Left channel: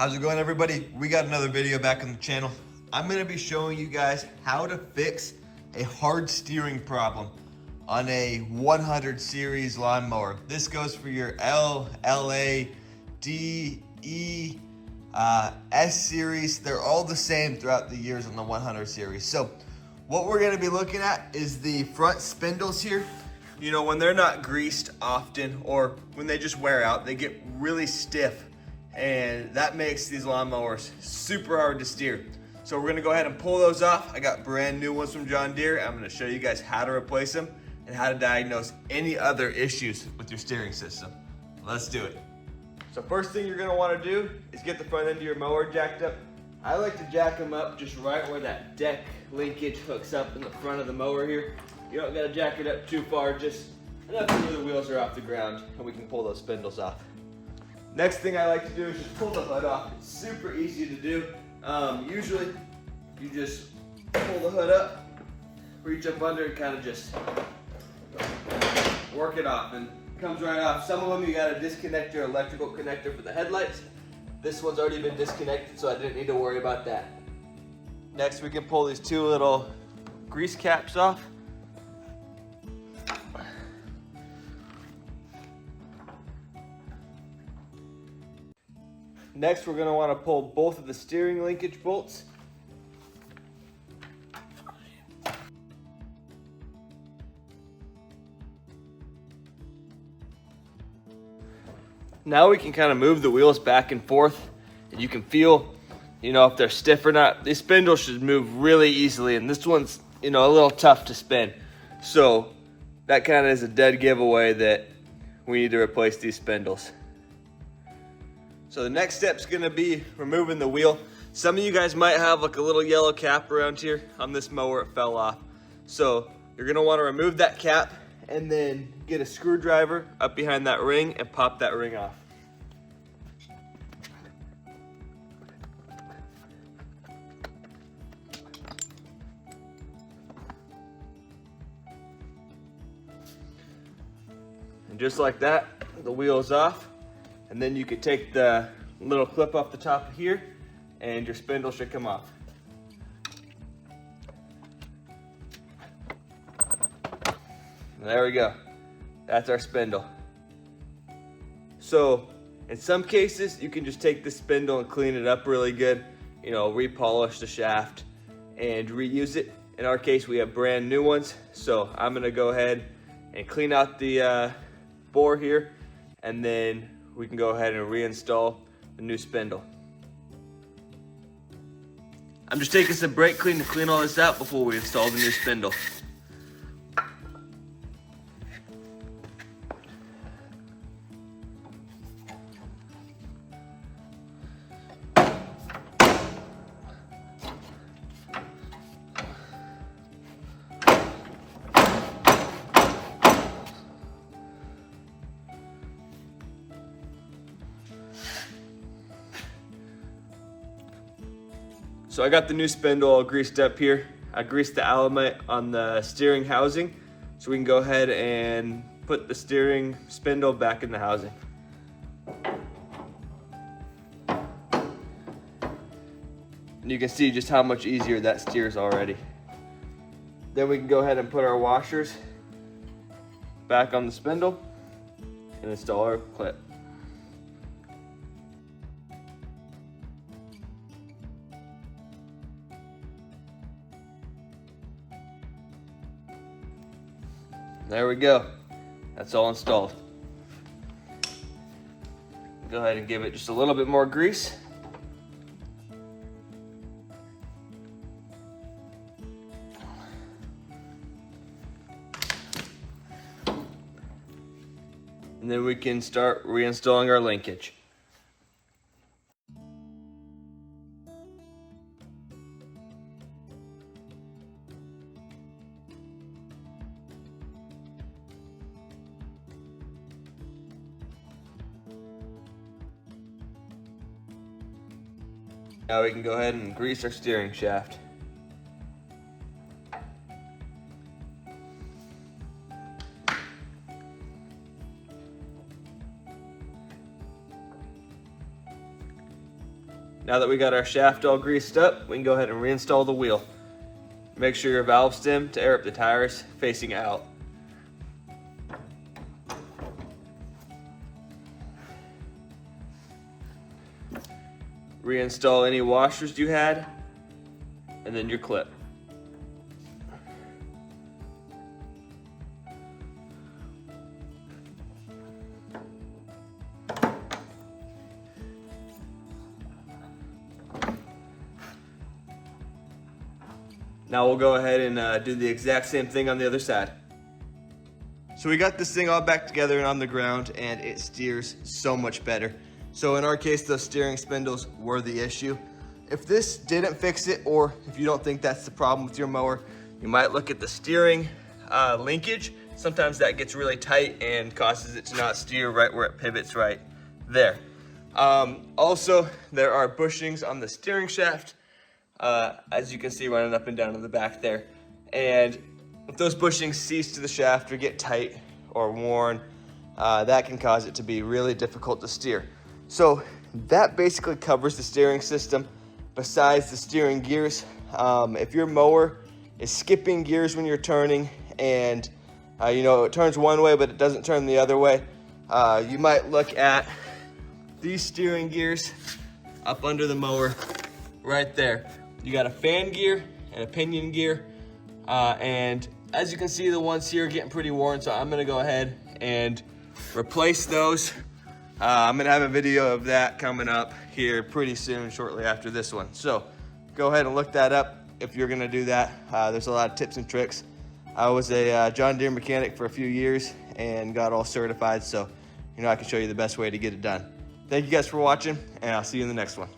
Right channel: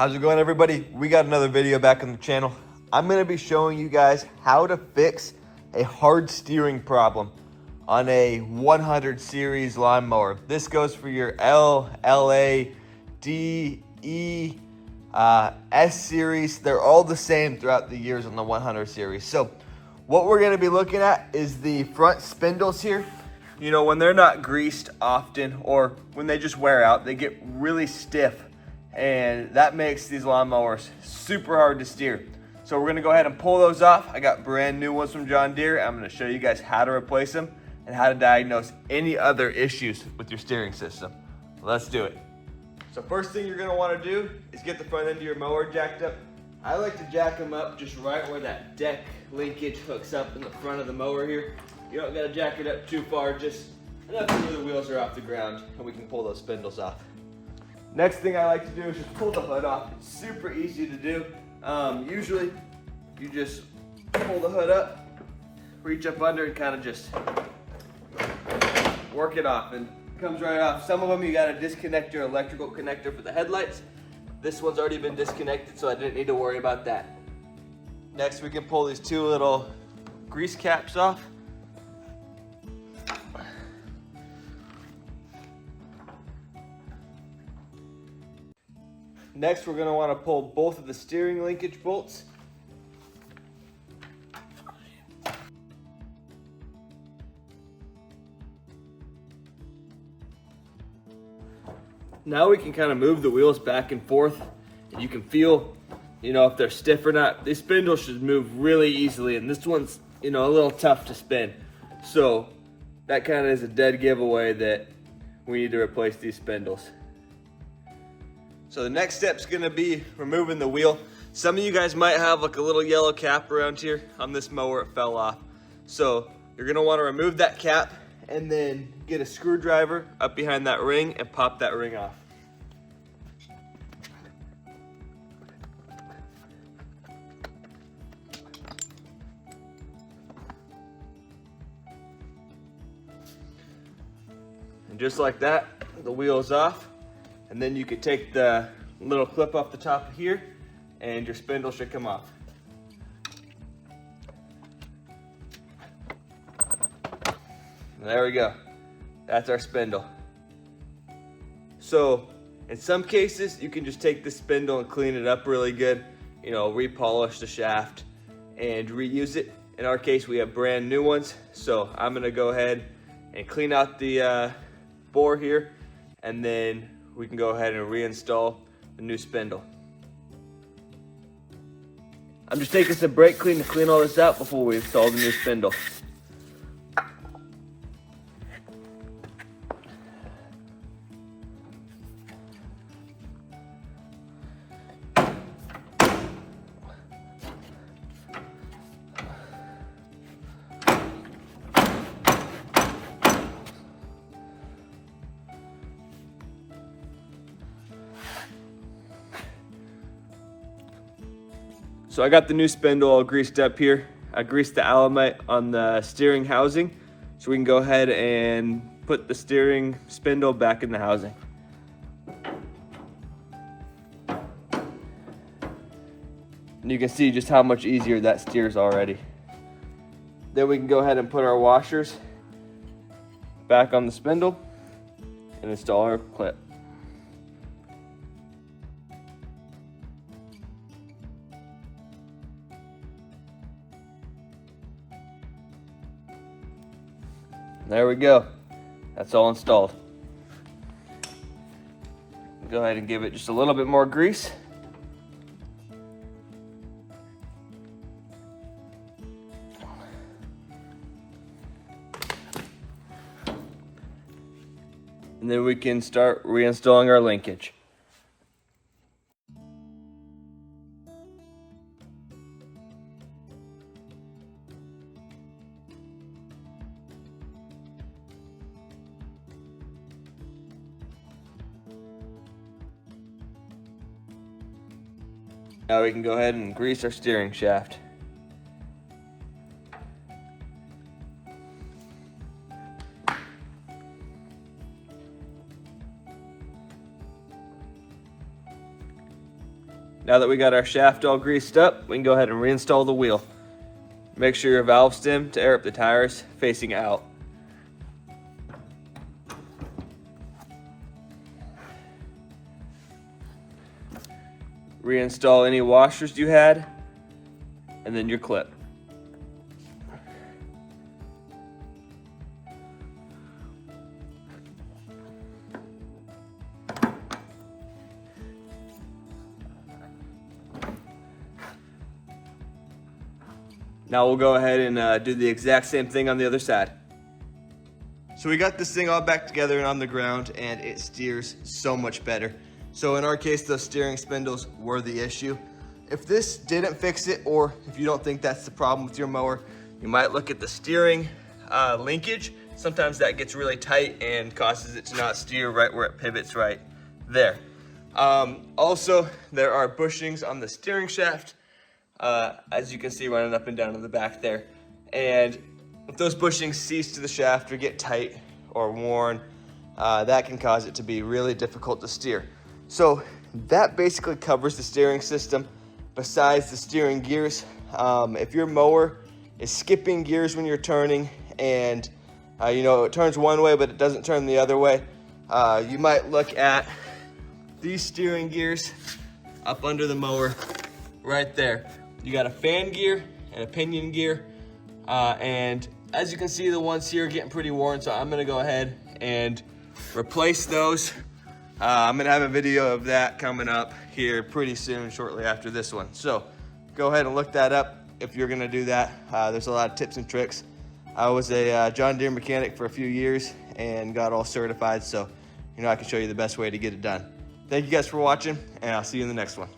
How's it going, everybody? We got another video back on the channel. I'm gonna be showing you guys how to fix a hard steering problem on a 100 series lawnmower. This goes for your L, LA, D, E, S series. They're all the same throughout the years on the 100 series. So what we're gonna be looking at is the front spindles here. You know, when they're not greased often or when they just wear out, they get really stiff, and that makes these lawnmowers super hard to steer. So we're gonna go ahead and pull those off. I got brand new ones from John Deere. I'm gonna show you guys how to replace them and how to diagnose any other issues with your steering system. Let's do it. So first thing you're gonna wanna do is get the front end of your mower jacked up. I like to jack them up just right where that deck linkage hooks up in the front of the mower here. You don't gotta jack it up too far, just enough where the wheels are off the ground and we can pull those spindles off. Next thing I like to do is just pull the hood off. It's super easy to do. Usually you just pull the hood up, reach up under and kind of just work it off, and it comes right off. Some of them you gotta disconnect your electrical connector for the headlights. This one's already been disconnected, so I didn't need to worry about that. Next we can pull these two little grease caps off. Next, we're gonna wanna pull both of the steering linkage bolts. Now we can kind of move the wheels back and forth. You can feel, you know, if they're stiff or not. These spindles should move really easily, and this one's, you know, a little tough to spin. So that kind of is a dead giveaway that we need to replace these spindles. So the next step's gonna be removing the wheel. Some of you guys might have like a little yellow cap around here. On this mower, it fell off. So you're gonna wanna remove that cap and then get a screwdriver up behind that ring and pop that ring off. And just like that, the wheel is off. And then you could take the little clip off the top of here and your spindle should come off. And there we go. That's our spindle. So in some cases, you can just take the spindle and clean it up really good, you know, repolish the shaft and reuse it. In our case, we have brand new ones. So I'm gonna go ahead and clean out the bore here, and then we can go ahead and reinstall the new spindle. I'm just taking some brake clean to clean all this out before we install the new spindle. So I got the new spindle all greased up here. I greased the Alamite on the steering housing, so we can go ahead and put the steering spindle back in the housing. And you can see just how much easier that steers already. Then we can go ahead and put our washers back on the spindle and install our clip. There we go. That's all installed. Go ahead and give it just a little bit more grease. And then we can start reinstalling our linkage. Now we can go ahead and grease our steering shaft. Now that we got our shaft all greased up, we can go ahead and reinstall the wheel. Make sure your valve stem to air up the tires facing out. Reinstall any washers you had, and then your clip. Now we'll go ahead and do the exact same thing on the other side. So we got this thing all back together and on the ground, and it steers so much better. So in our case, those steering spindles were the issue. If this didn't fix it, or if you don't think that's the problem with your mower, you might look at the steering linkage. Sometimes that gets really tight and causes it to not steer right where it pivots right there. Also, there are bushings on the steering shaft, as you can see running up and down in the back there. And if those bushings cease to the shaft or get tight or worn, that can cause it to be really difficult to steer. So that basically covers the steering system besides the steering gears. If your mower is skipping gears when you're turning and you know, it turns one way but it doesn't turn the other way, you might look at these steering gears up under the mower right there. You got a fan gear and a pinion gear, and as you can see, the ones here are getting pretty worn, so I'm gonna go ahead and replace those. I'm gonna have a video of that coming up here pretty soon, shortly after this one. So go ahead and look that up if you're gonna do that. There's a lot of tips and tricks. I was a John Deere mechanic for a few years and got all certified, so you know I can show you the best way to get it done. Thank you guys for watching, and I'll see you in the next one.